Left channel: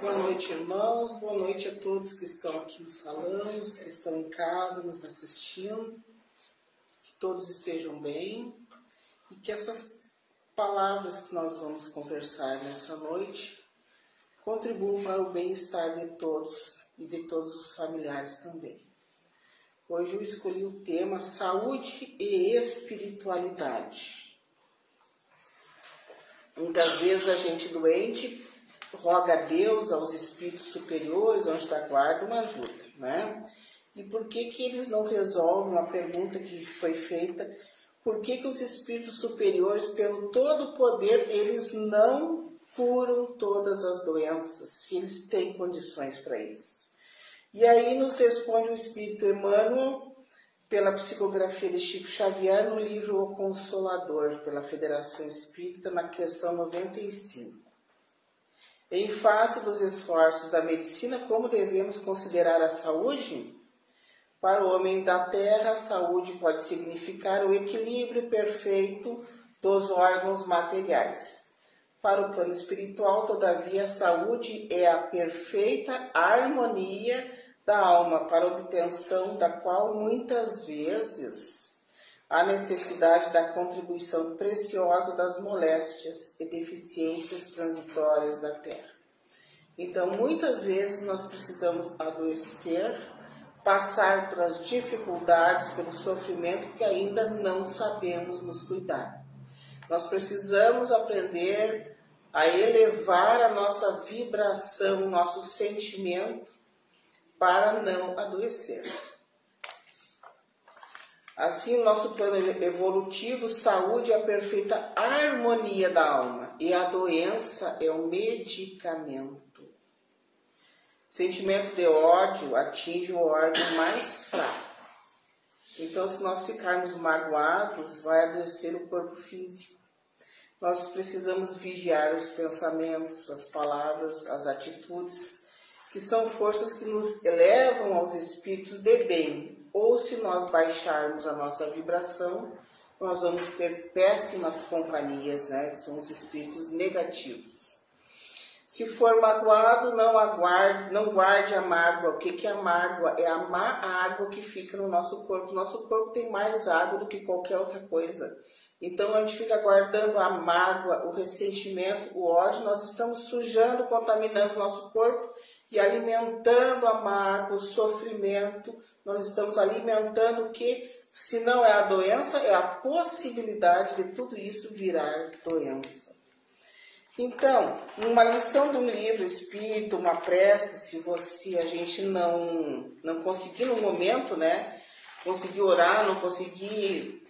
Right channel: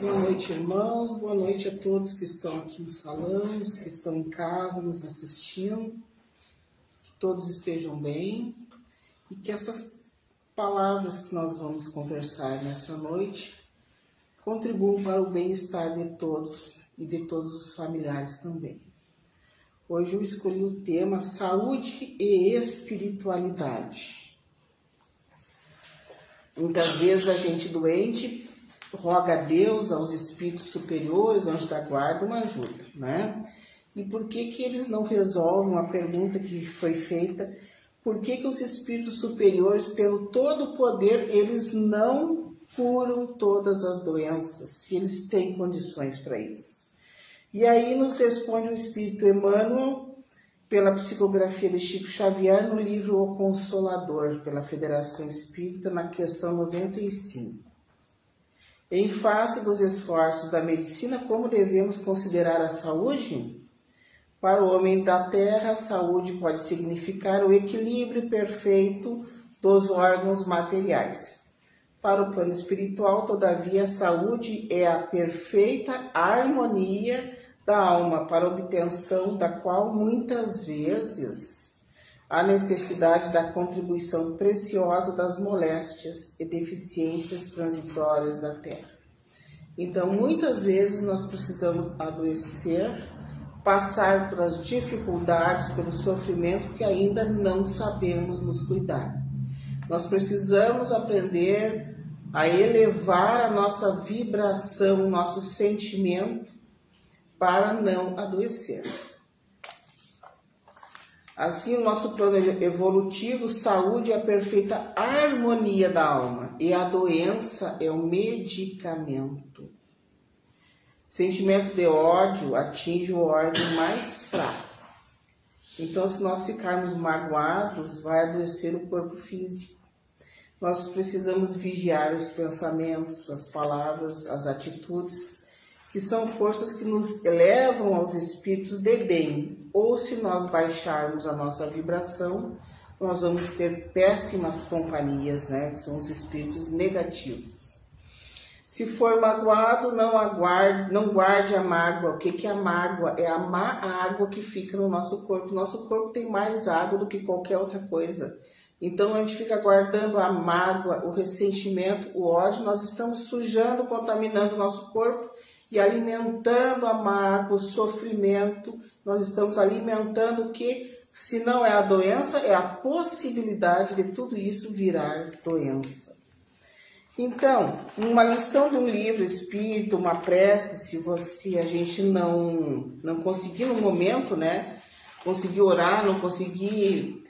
Boa noite, irmãos. Boa noite a todos que estão aqui no salão, os que estão em casa nos assistindo. Que todos estejam bem e que essas palavras que nós vamos conversar nessa noite contribuam para o bem-estar de todos e de todos os familiares também. Hoje eu escolhi o tema saúde e espiritualidade. Muitas vezes a gente doente roga a Deus, aos espíritos superiores, anjos da guarda, uma ajuda, né? E por que eles não resolvem a pergunta que foi feita? Por que os espíritos superiores, pelo todo o poder, eles não curam todas as doenças, se eles têm condições para isso? E aí nos responde o Espírito Emmanuel, pela psicografia de Chico Xavier, no livro O Consolador, pela Federação Espírita, na questão 95. Em face dos esforços da medicina, como devemos considerar a saúde? Para o homem da terra, a saúde pode significar o equilíbrio perfeito dos órgãos materiais. Para o plano espiritual, todavia, a saúde é a perfeita harmonia da alma, para a obtenção da qual muitas vezes há necessidade da contribuição preciosa das moléstias e deficiências transitórias da terra. Então, muitas vezes nós precisamos adoecer, passar pelas dificuldades, pelo sofrimento que ainda não sabemos nos cuidar. Nós precisamos aprender a elevar a nossa vibração, o nosso sentimento, para não adoecer. Assim, o nosso plano evolutivo, saúde é a perfeita harmonia da alma e a doença é o medicamento. Sentimento de ódio atinge o órgão mais fraco. Então, se nós ficarmos magoados, vai adoecer o corpo físico. Nós precisamos vigiar os pensamentos, as palavras, as atitudes, que são forças que nos elevam aos espíritos de bem. Ou se nós baixarmos a nossa vibração, nós vamos ter péssimas companhias, né? Que são os espíritos negativos. Se for magoado, não guarde a mágoa. O que é a mágoa? É a má água que fica no nosso corpo. Nosso corpo tem mais água do que qualquer outra coisa. Então, a gente fica guardando a mágoa, o ressentimento, o ódio. Nós estamos sujando, contaminando o nosso corpo e alimentando a mágoa, o sofrimento. Nós estamos alimentando o que, se não é a doença, é a possibilidade de tudo isso virar doença. Então, uma lição de um livro espírita, uma prece, se a gente não conseguir no momento, né, conseguir orar, não conseguir,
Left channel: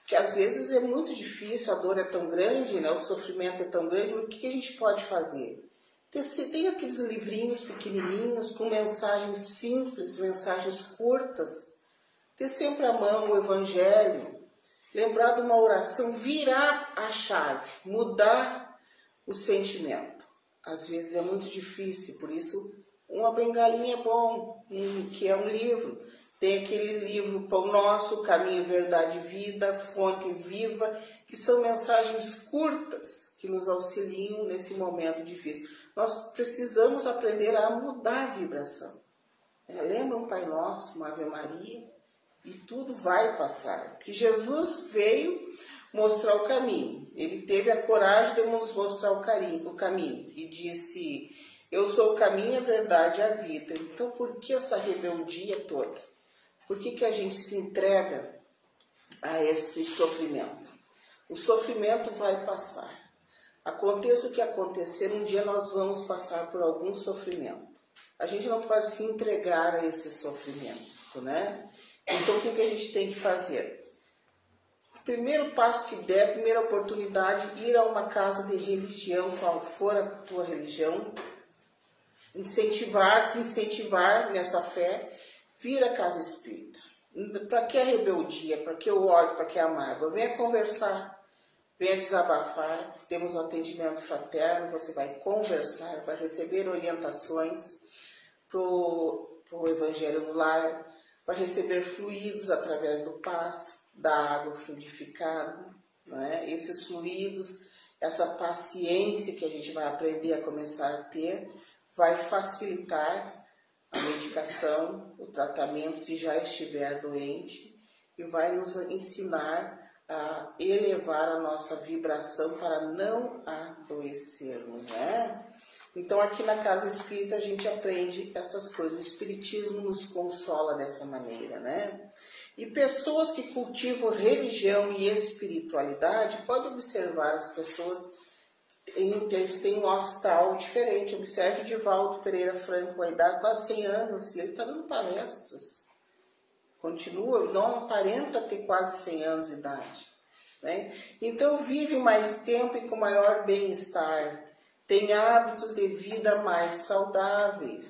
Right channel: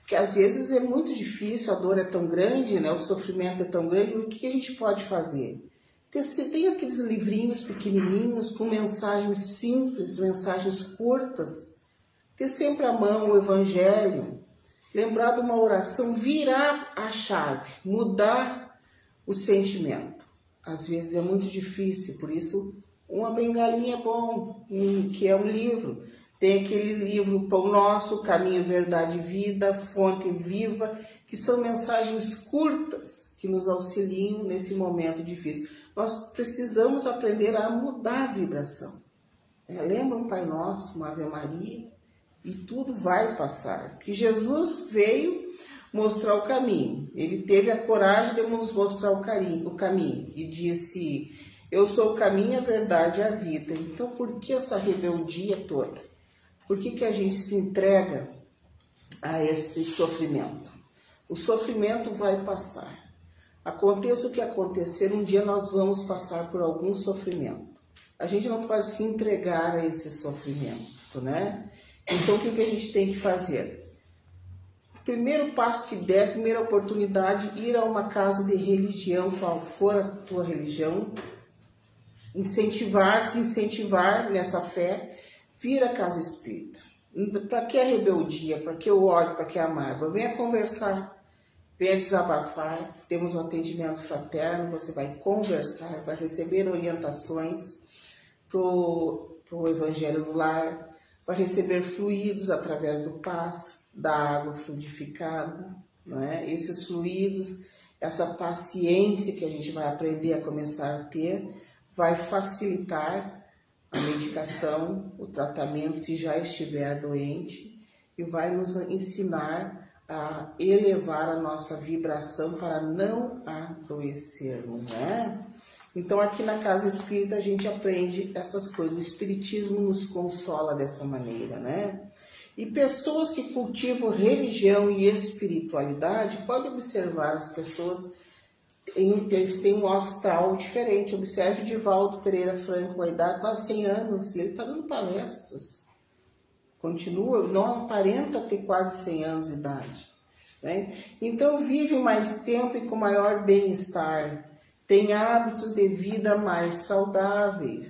porque às vezes é muito difícil, a dor é tão grande, né, o sofrimento é tão grande, o que a gente pode fazer? Tem aqueles livrinhos pequenininhos com mensagens simples, mensagens curtas, ter sempre à mão o Evangelho, lembrar de uma oração, virar a chave, mudar o sentimento. Às vezes é muito difícil, por isso uma bengalinha é bom, que é um livro. Tem aquele livro Pão Nosso, Caminho, Verdade e Vida, Fonte Viva, que são mensagens curtas que nos auxiliam nesse momento difícil. Nós precisamos aprender a mudar a vibração. Lembra um Pai Nosso, uma Ave Maria, e tudo vai passar. Que Jesus veio mostrar o caminho. Ele teve a coragem de nos mostrar o caminho. E disse, eu sou o caminho, a verdade e a vida. Então, por que essa rebeldia toda? Por que a gente se entrega a esse sofrimento? O sofrimento vai passar. Aconteça o que acontecer, um dia nós vamos passar por algum sofrimento. A gente não pode se entregar a esse sofrimento, né? Então, o que a gente tem que fazer? Primeiro passo que der, primeira oportunidade, ir a uma casa de religião, qual for a tua religião, se incentivar nessa fé, vir à casa espírita. Para que a rebeldia? Para que o ódio? Para que a mágoa? Venha conversar. Venha desabafar, temos um atendimento fraterno, você vai conversar, vai receber orientações para o Evangelho no Lar, vai receber fluidos através do passe, da água fluidificada, não é? Esses fluidos, essa paciência que a gente vai aprender a começar a ter, vai facilitar a medicação, o tratamento, se já estiver doente, e vai nos ensinar a elevar a nossa vibração para não adoecermos, né? Então, aqui na Casa Espírita, a gente aprende essas coisas. O Espiritismo nos consola dessa maneira, né? E pessoas que cultivam religião e espiritualidade, pode observar as pessoas, eles têm um astral diferente. Observe o Divaldo Pereira Franco, a idade quase 100 anos, e ele está dando palestras. Continua, não aparenta ter quase 100 anos de idade, né? Então, vive mais tempo e com maior bem-estar. Tem hábitos de vida mais saudáveis.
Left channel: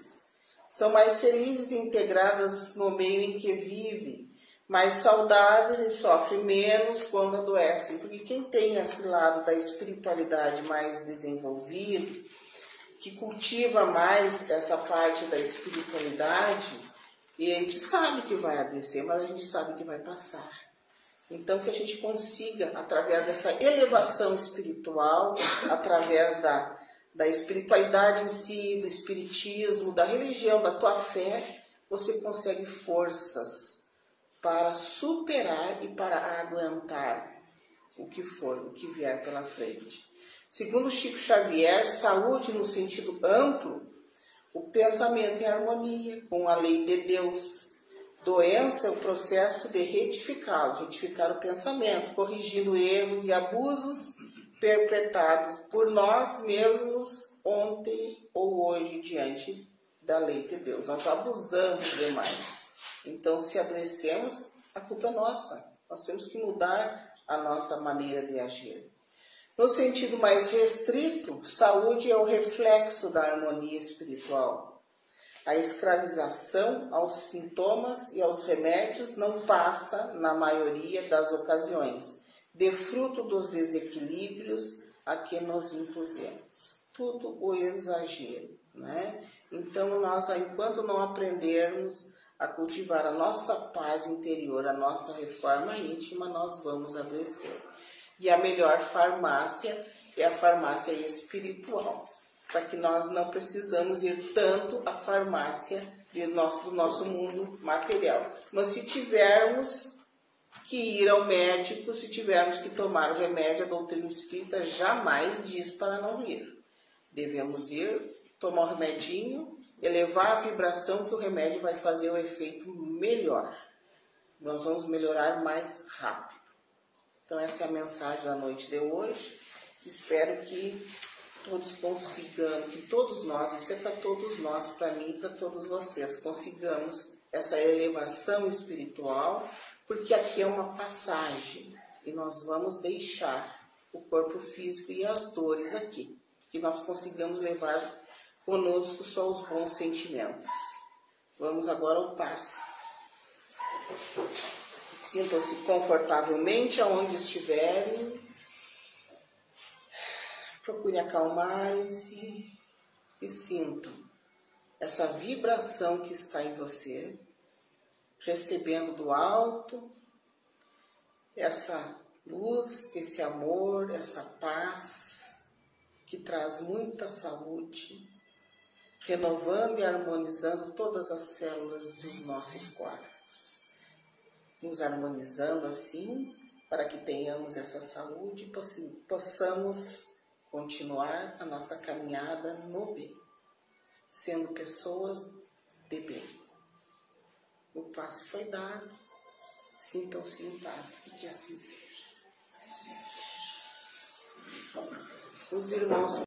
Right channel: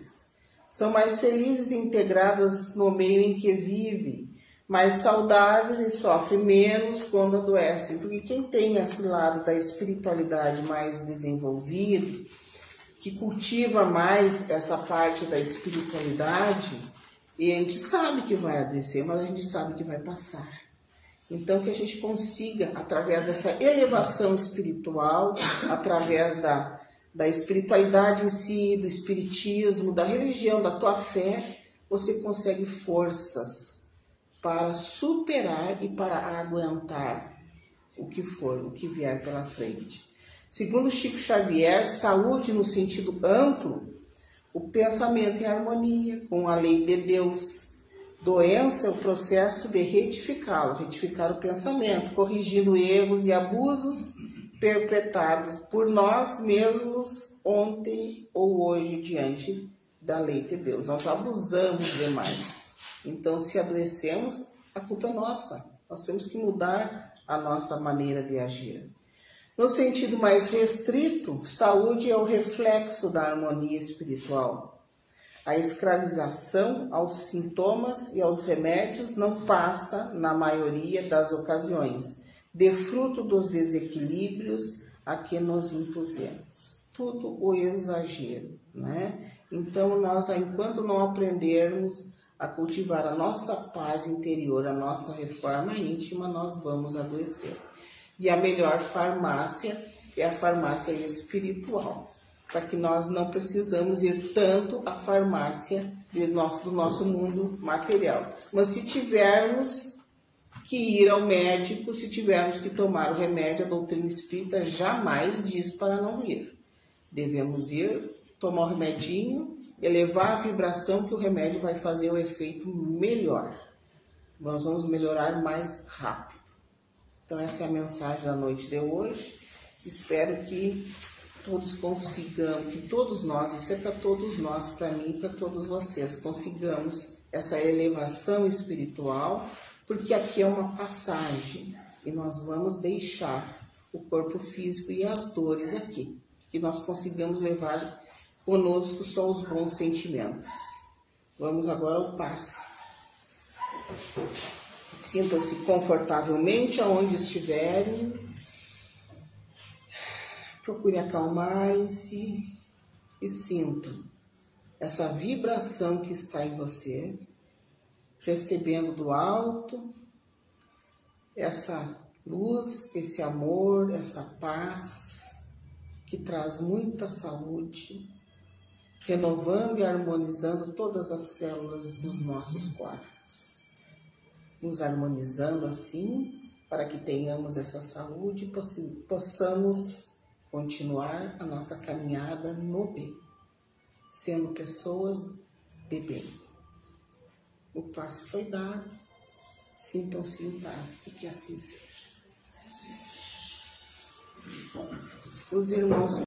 São mais felizes e integradas no meio em que vivem. Mais saudáveis e sofrem menos quando adoecem. Porque quem tem esse lado da espiritualidade mais desenvolvido, que cultiva mais essa parte da espiritualidade, e a gente sabe que vai adoecer, mas a gente sabe que vai passar. Então, que a gente consiga, através dessa elevação espiritual, através da espiritualidade em si, do espiritismo, da religião, da tua fé, você consegue forças para superar e para aguentar o que for, o que vier pela frente. Segundo Chico Xavier, saúde no sentido amplo, o pensamento em harmonia com a lei de Deus. Doença é o processo de retificar o pensamento, corrigindo erros e abusos perpetrados por nós mesmos ontem ou hoje diante da lei de Deus. Nós abusamos demais. Então, se adoecemos, a culpa é nossa. Nós temos que mudar a nossa maneira de agir. No sentido mais restrito, saúde é o reflexo da harmonia espiritual. A escravização aos sintomas e aos remédios não passa, na maioria das ocasiões, de fruto dos desequilíbrios a que nos impusemos. Tudo o exagero, né? Então, nós, enquanto não aprendermos a cultivar a nossa paz interior, a nossa reforma íntima, nós vamos adoecer. E a melhor farmácia é a farmácia espiritual, para que nós não precisamos ir tanto à farmácia do nosso mundo material. Mas se tivermos que ir ao médico, se tivermos que tomar o remédio, a doutrina espírita jamais diz para não ir. Devemos ir, tomar o remedinho, elevar a vibração, que o remédio vai fazer o efeito melhor. Nós vamos melhorar mais rápido. Então, essa é a mensagem da noite de hoje. Espero que todos consigamos, que todos nós, isso é para todos nós, para mim e para todos vocês, consigamos essa elevação espiritual, porque aqui é uma passagem e nós vamos deixar o corpo físico e as dores aqui, que nós consigamos levar conosco só os bons sentimentos. Vamos agora ao passe. Sintam-se confortavelmente aonde estiverem. Procure acalmarem-se e sintam essa vibração que está em você, recebendo do alto essa luz, esse amor, essa paz que traz muita saúde, renovando e harmonizando todas as células dos nossos corpos. Nos harmonizando assim, para que tenhamos essa saúde e possamos continuar a nossa caminhada no bem, sendo pessoas de bem. O passe foi dado, sintam-se em paz e que assim seja. Os irmãos